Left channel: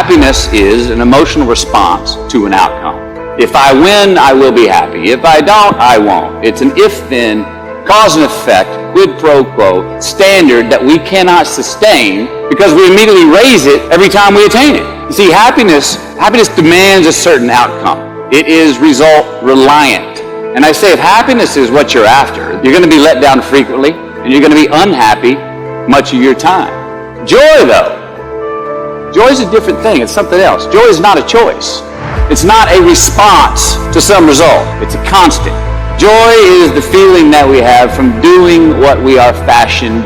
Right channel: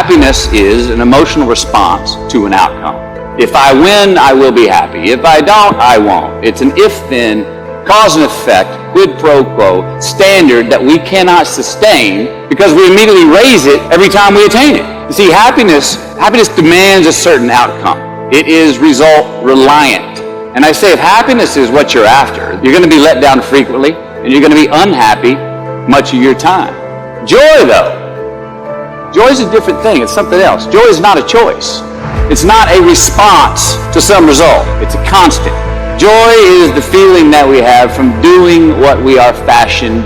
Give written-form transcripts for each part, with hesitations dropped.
Happiness is an emotional response to an outcome. If I win, I will be happy. If I don't, I won't. It's an if-then, cause and effect, quid pro quo standard that we cannot sustain because we immediately raise it every time we attain it. You see, happiness demands a certain outcome. It is result reliant. And I say if happiness is what you're after, you're going to be let down frequently and you're going to be unhappy much of your time. Joy, though, joy is a different thing. It's something else. Joy is not a choice. It's not a response to some result. It's a constant. Joy is the feeling that we have from doing what we are fashioned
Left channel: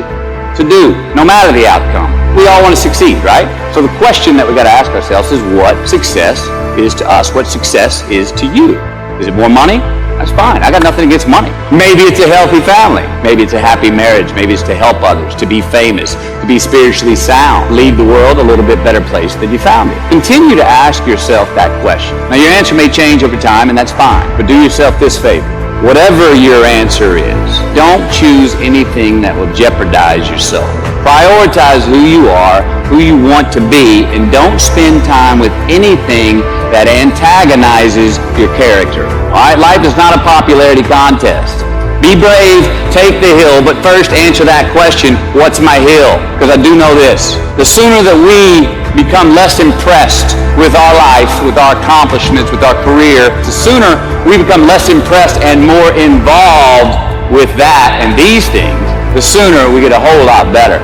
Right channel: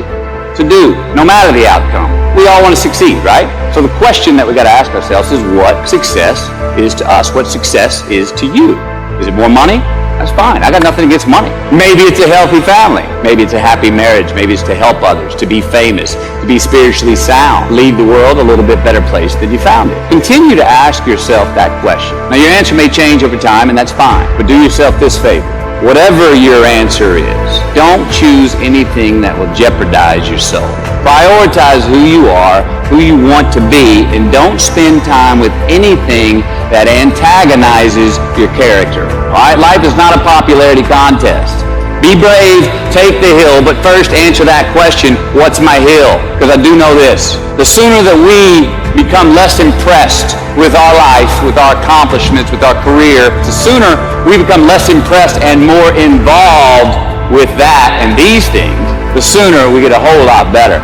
to do, no matter the outcome. We all want to succeed, right? So the question that we got to ask ourselves is what success is to us? What success is to you? Is it more money? That's fine. I got nothing against money. Maybe it's a healthy family. Maybe it's a happy marriage. Maybe it's to help others, to be famous, to be spiritually sound, leave the world a little bit better place than you found it. Continue to ask yourself that question. Now, your answer may change over time, and that's fine. But do yourself this favor. Whatever your answer is, don't choose anything that will jeopardize your soul. Prioritize who you are, who you want to be, and don't spend time with anything that antagonizes your character. All right? Life is not a popularity contest. Be brave, take the hill, but first answer that question, what's my hill? Because I do know this. The sooner that we become less impressed with our life, with our accomplishments, with our career, the sooner we become less impressed and more involved with that and these things, the sooner we get a whole lot better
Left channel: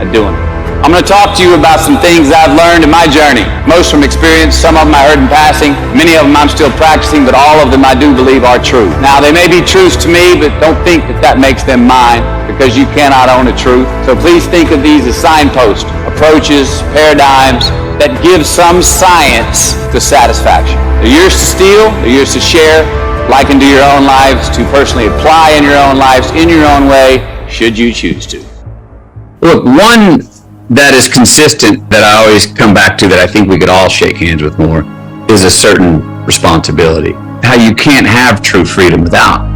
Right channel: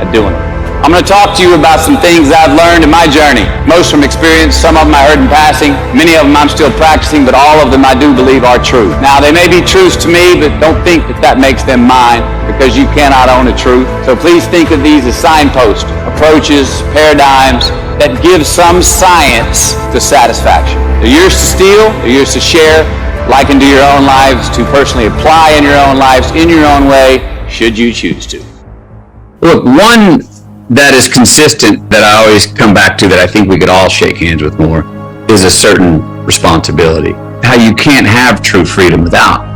at doing it. I'm going to talk to you about some things I've learned in my journey. Most from experience, some of them I heard in passing, many of them I'm still practicing, but all of them I do believe are true. Now, they may be truths to me, but don't think that that makes them mine, because you cannot own a truth. So please think of these as signposts, approaches, paradigms that give some science to satisfaction. They're yours to steal, they're yours to share, liken to your own lives, to personally apply in your own lives, in your own way, should you choose to. Look, one that is consistent that I always come back to that I think we could all shake hands with more is a certain responsibility. How you can't have true freedom without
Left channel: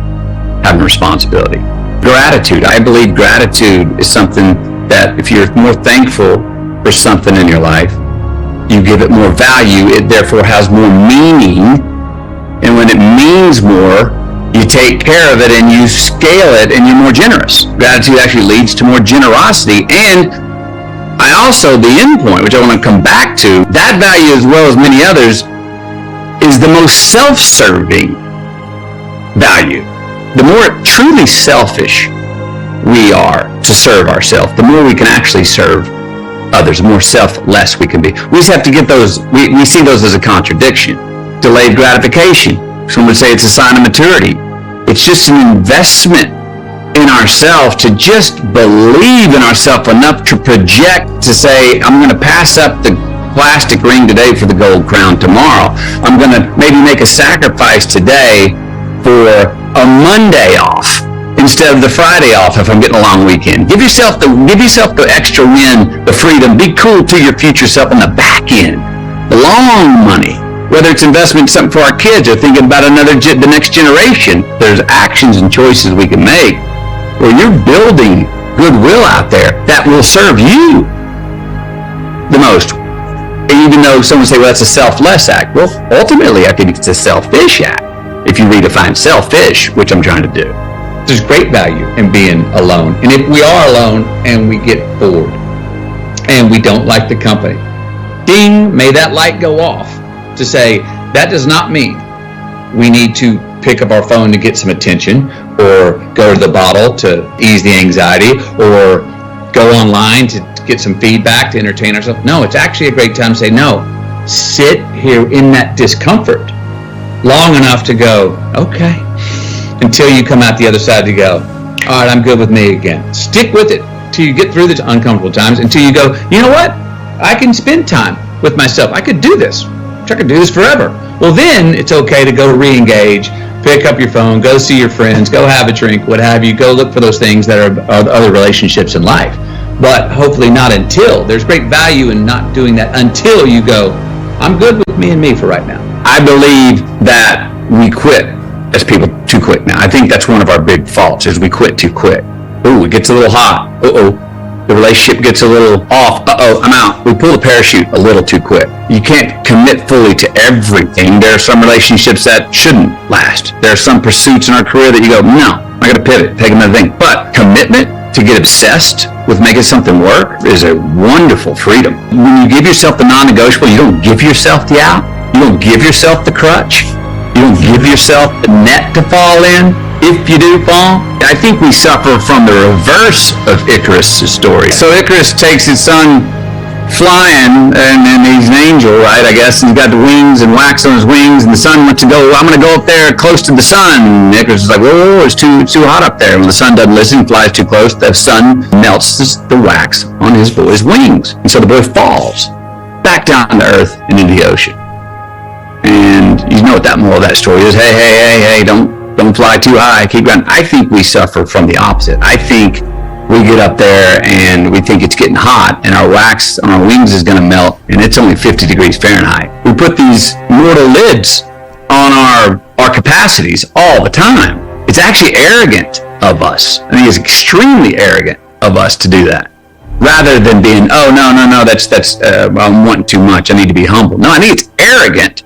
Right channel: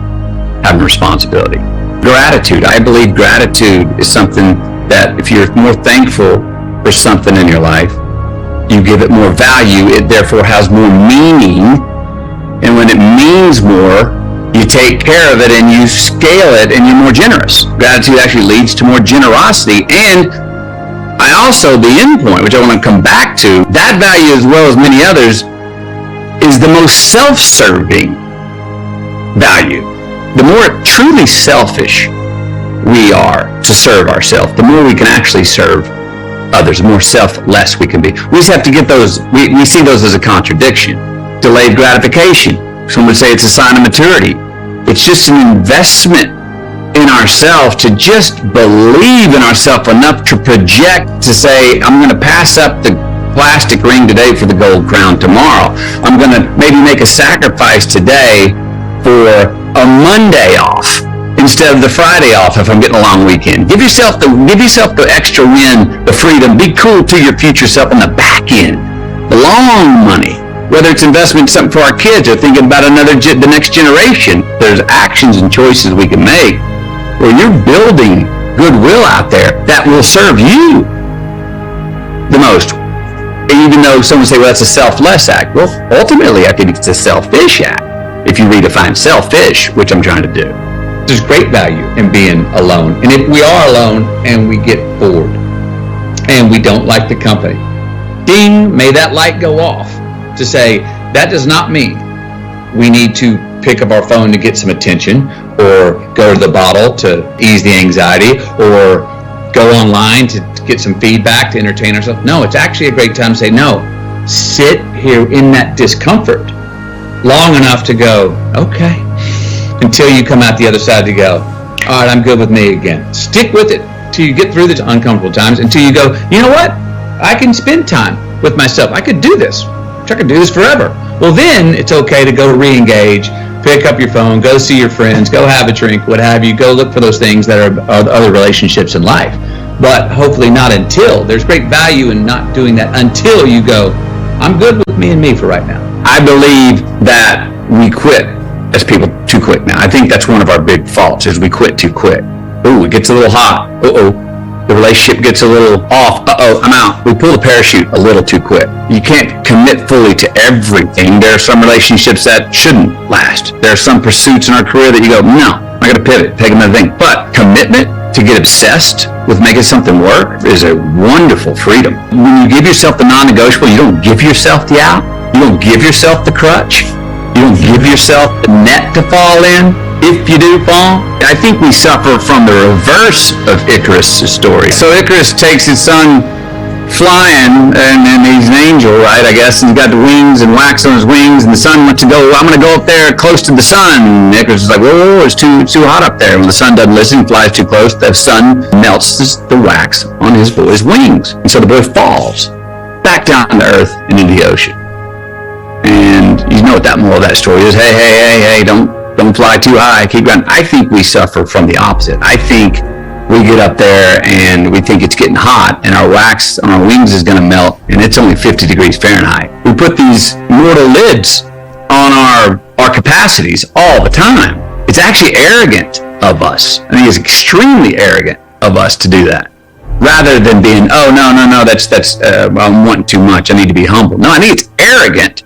having responsibility. Gratitude. I believe gratitude is something that if you're more thankful for something in your life, you give it more value. It therefore has more meaning. And when it means more, you take care of it and you scale it and you're more generous. Gratitude actually leads to more generosity. And I also, the end point, which I want to come back to, that value as well as many others is the most self-serving value. The more truly selfish we are to serve ourselves, the more we can actually serve others, the more selfless we can be. We just have to get those, we see those as a contradiction. Delayed gratification. Some would say it's a sign of maturity. It's just an investment in ourselves to just believe in ourselves enough to project, to say, I'm going to pass up the plastic ring today for the gold crown tomorrow. I'm going to maybe make a sacrifice today for a Monday off instead of the Friday off if I'm getting a long weekend. Give yourself the extra win, the freedom. Be cool to your future self on the back end. The long money. Whether it's investment in something for our kids or thinking about the next generation, there's actions and choices we can make where you're building goodwill out there that will serve you the most. Even though someone say, well, that's a selfless act. Well, ultimately, I think it's a selfish act if you redefine selfish, which I'm trying to do. There's great value in being alone. And if we are alone and we get bored and we don't like the company, ding, may that light go off to say, that does not mean we need to pick up our phone to get some attention or go to the bottle to ease the anxiety or go online to get some feedback to entertain ourselves. No, it's actually a great time to say, no, sit here in that discomfort long enough to go, okay, until you come out the other side to go, all right, I'm good with me again. Stick with it till you get through the uncomfortable times, until you go, you know what? I can spend time with myself. I could do this. I could do this forever. Well, then it's okay to go re-engage, pick up your phone, go see your friends, go have a drink, what have you, go look for those things that are other relationships in life. But hopefully not until. There's great value in not doing that until you go, I'm good with me and me for right now. I believe that we quit as people too quick now. I think that's one of our big faults is we quit too quick. Ooh, it gets a little hot. the relationship gets a little off. Uh-oh, I'm out. We pull the parachute a little too quick. You can't commit fully to everything. There are some relationships that shouldn't last. There are some pursuits in our career that you go, no, I got to pivot, take another thing. But commitment to get obsessed with making something work is a wonderful freedom. When you give yourself the non-negotiable, you don't give yourself the out. You don't give yourself the crutch. You don't give yourself the net to fall in. If you do fall, I think we suffer from the reverse of Icarus' story. So Icarus takes his son flying, and he's an angel, right, I guess, and he's got the wings and wax on his wings, and the son wants to go, I'm going to go up there close to the sun. And Icarus is like, whoa, it's too hot up there. When the sun doesn't listen, he flies too close, the sun melts the wax on his boy's wings. And so the boy falls back down to earth and into the ocean. And you know what that moral of that story is. Hey, don't fly too high, keep going. I think we suffer from the opposite. I think we get up there and we think it's getting hot and our wax on our wings is going to melt and it's only 50 degrees Fahrenheit. We put these mortal lids on our capacities all the time. It's actually arrogant of us. I think it's extremely arrogant of us to do that. Rather than being, oh, no, that's I'm wanting too much. I need to be humble. No, I think it's arrogant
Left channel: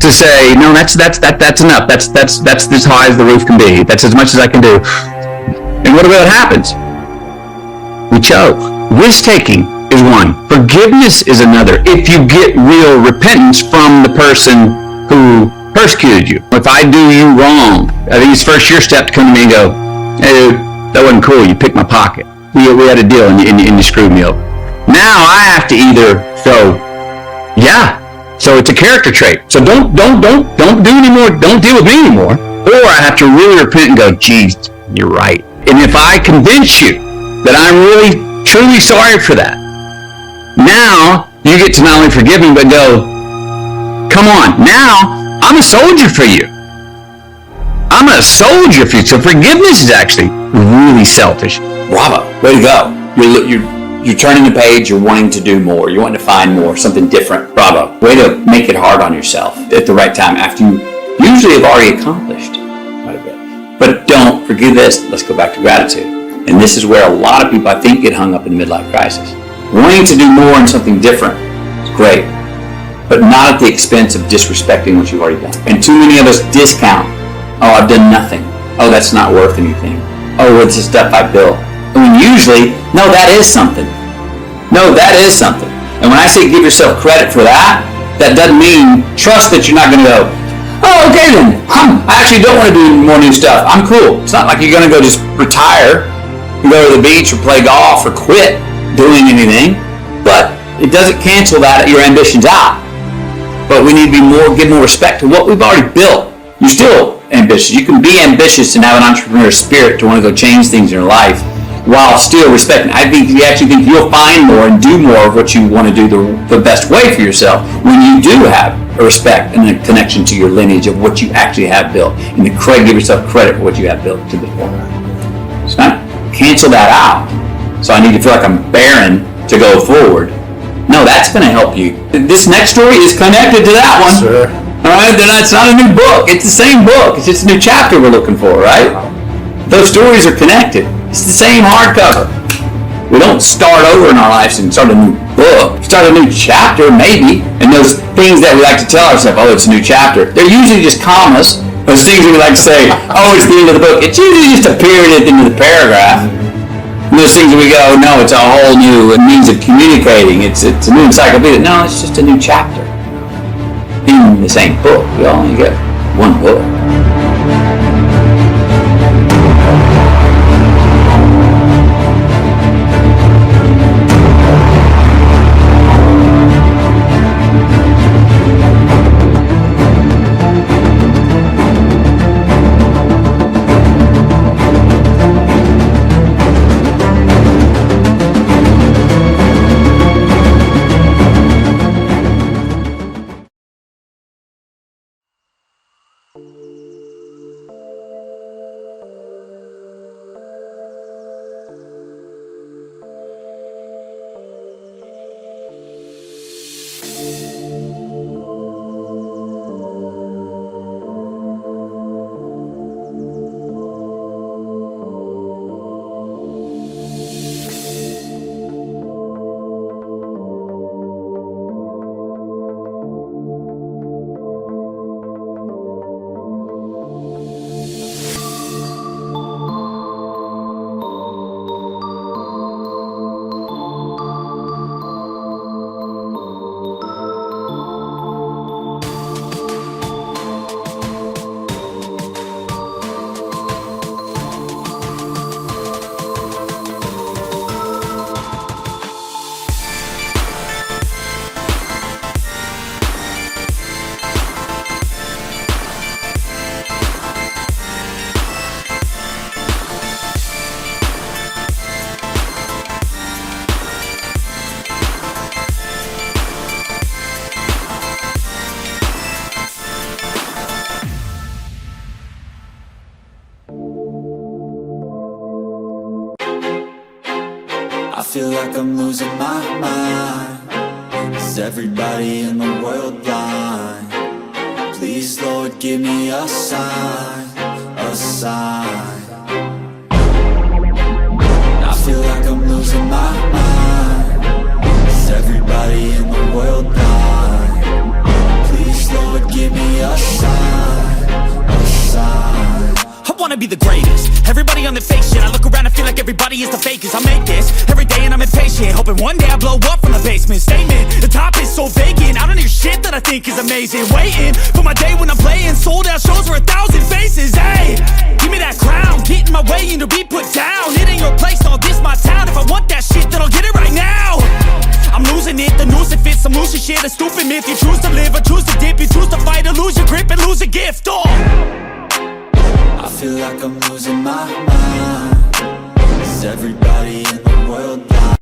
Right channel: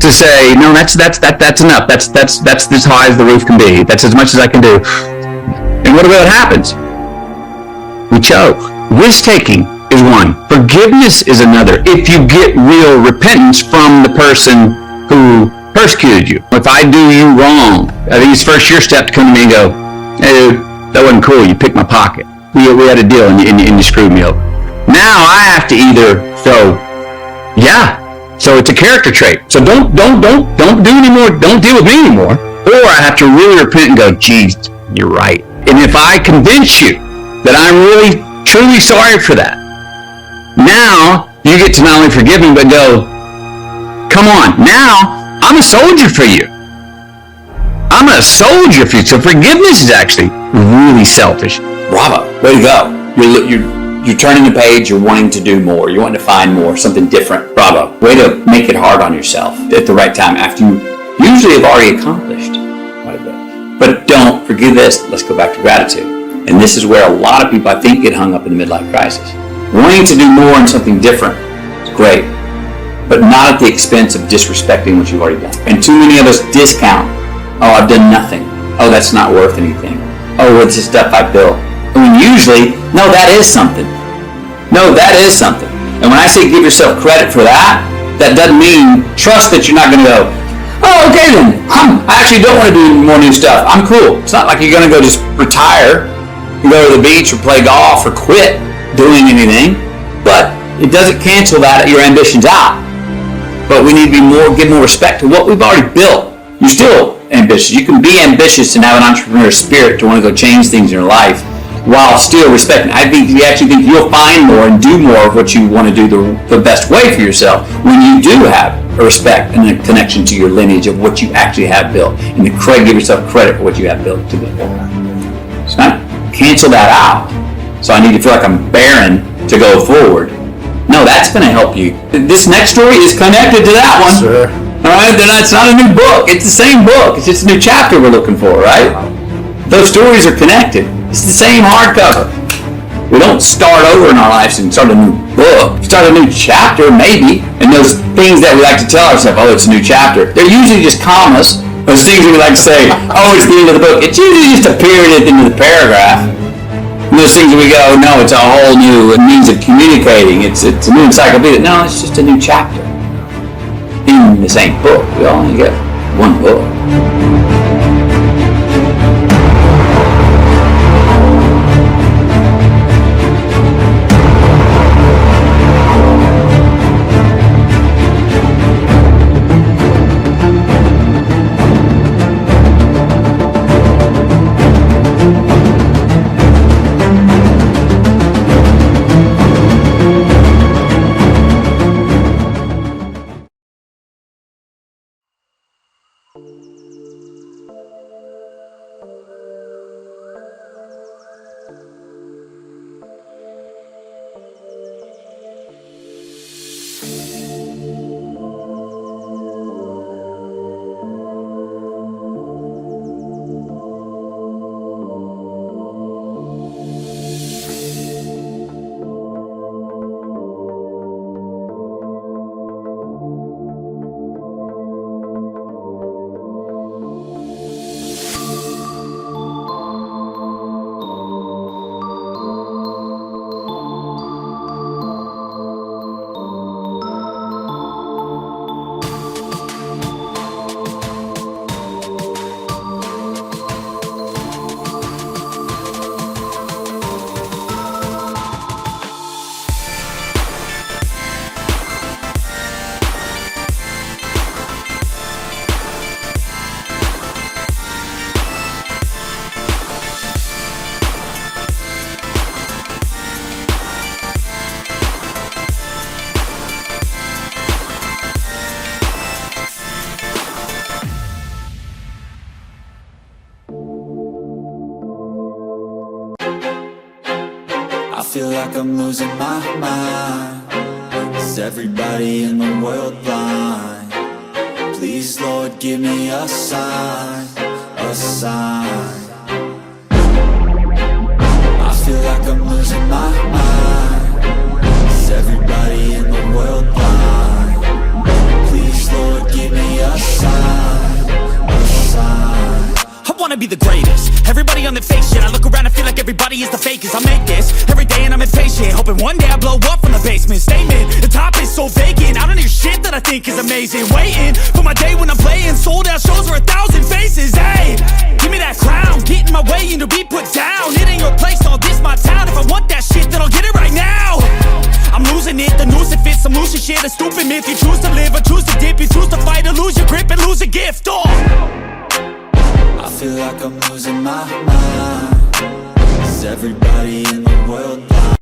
to say, no, that's enough. That's as high as the roof can be. That's as much as I can do. And what happens? We choke. Risk-taking is one. Forgiveness is another. If you get real repentance from the person who persecuted you. If I do you wrong, I think it's first your step to come to me and go, hey, that wasn't cool. You picked my pocket. We had a deal and you screwed me over. Now I have to either go, yeah. So it's a character trait. So don't do anymore. Don't deal with me anymore. Or I have to really repent and go, geez, you're right. And if I convince you that I'm really, truly sorry for that, now you get to not only forgive me, but go, come on, now I'm a soldier for you. I'm a soldier for you. So forgiveness is actually really selfish. Bravo. Way to go. You're turning the page. You're wanting to do more. You're wanting to find more, something different. Bravo. Way to make it hard on yourself at the right time after you usually have already accomplished quite a bit. But don't forget this. Let's go back to gratitude. And this is where a lot of people, I think, get hung up in the midlife crisis. Wanting to do more and something different is great, but not at the expense of disrespecting what you've already done. And too many of us discount, oh, I've done nothing. Oh, that's not worth anything. Oh, it's the stuff I built. I mean, usually, no, that is something. No, that is something. And when I say give yourself credit for that, that doesn't mean trust that you're not going to go, oh, okay then, I actually don't want to do more new stuff. I'm cool. It's not like you're going to go just retire and go to the beach or play golf or quit doing anything. But it doesn't cancel your ambitions out. But we need to give more respect to what we've already built. You're still ambitious. You can be ambitious and have an entrepreneurial spirit to want to go change things in your life while still respecting. I think you actually think you'll find more and do more of what you want to do the best way for yourself when you do have a respect and a connection to your lineage of what you actually have built, and to give yourself credit for what you have built to this point. It's not cancel that out. So I need to feel like I'm barren to go forward. No, that's going to help you. This next story is connected to that one. Sure. All right, it's not a new book. It's the same book. It's just a new chapter we're looking for, right? Those stories are connected. It's the same hardcover. We don't start over in our lives and start a new book. Start a new chapter, maybe. And those things that we like to tell ourselves, oh, it's a new chapter, they're usually just commas. Those things we like to say, oh, it's the end of the book. It's usually just a period at the end of the paragraph. And those things we go, no, it's a whole new means of communicating. It's a new encyclopedia. No, it's just a new chapter. In the same book. We only get one book. feel like I'm losing my mind. Is everybody in the world blind? Please, Lord, give me a sign, a sign. I feel like I'm losing my mind. Is everybody in the world blind? Please, Lord, give me a sign, a sign. I wanna be the greatest. Everybody on the fake shit. I look around and feel like everybody is the fakest. I make this every day and I'm impatient, hoping one day I blow up from the basement. Statement, the top is so vacant. I don't hear shit that I think is amazing. Waiting for my day when I'm playing sold out shows for 1,000 faces. Hey, give me that crown, get in my way and to be put down. It ain't your place, no, this my town. If I want that shit, then I'll get it right now. I'm losing it, the noose it fits, some losing shit, a stupid myth. You choose to live or choose to dip, you choose to fight or lose your grip and lose a gift. I feel like I'm losing my mind. Is everybody in the world blind?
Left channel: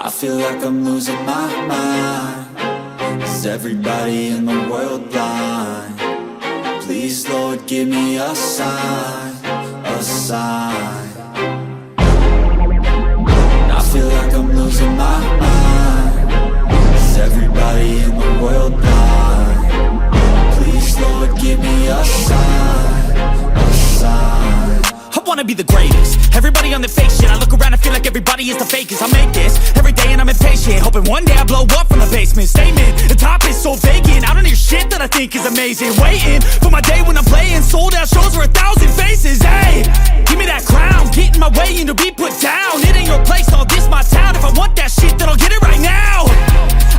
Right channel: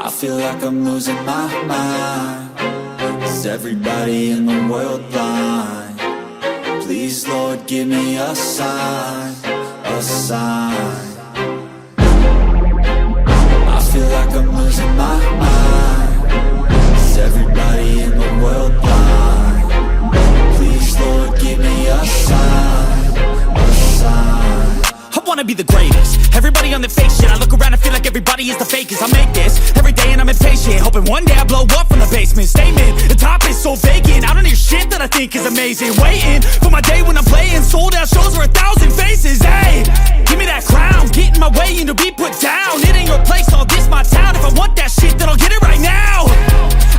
I feel like I'm losing my mind. Is everybody in the world blind? Please, Lord, give me a sign, a sign. I feel like I'm losing my mind. Is everybody in the world blind? Please, Lord, give me a sign, a sign. I wanna be the greatest. Everybody on the fake shit. I look around and feel like everybody is the fakest. I make this every day and I'm impatient, hoping one day I blow up from the basement. Statement, the top is so vacant. I don't hear shit that I think is amazing. Waiting for my day when I'm playing sold out shows for 1,000 faces. Hey, give me that crown, get in my way and to be put down. It ain't your place, no, this my town. If I want that shit, then I'll get it right now.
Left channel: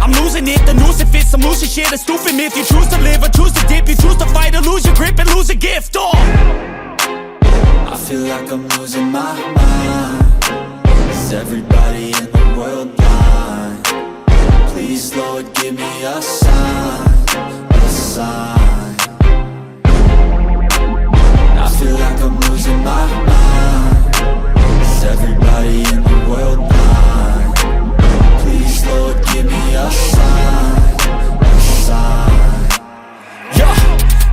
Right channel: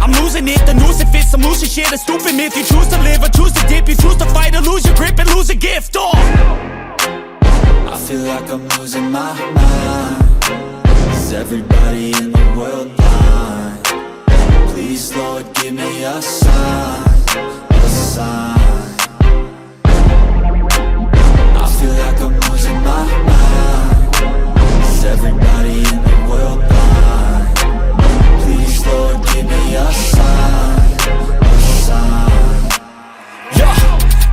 I'm losing it, the noose it fits, some losing shit, a stupid myth. You choose to live or choose to dip, you choose to fight or lose your grip and lose a gift. I feel like I'm losing my mind. Is everybody in the world blind? Please, Lord, give me a sign, a sign. I feel like I'm losing my mind. Is everybody in the world blind? Please, Lord, give me a sign, a sign. Yeah.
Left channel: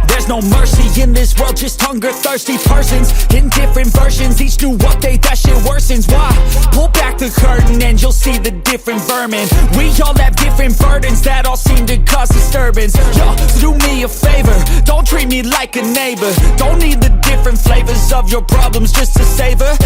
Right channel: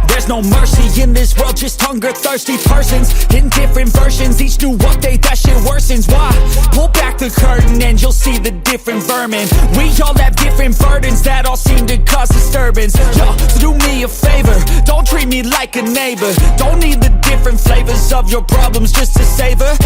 There's no mercy in this world, just hunger-thirsty persons in different versions, each new update, that shit worsens. Why? Pull back the curtain and you'll see the different vermin. We all have different burdens that all seem to cause disturbance. Yo, so do me a favor, don't treat me like a neighbor. Don't need the different flavors of your problems just to savor.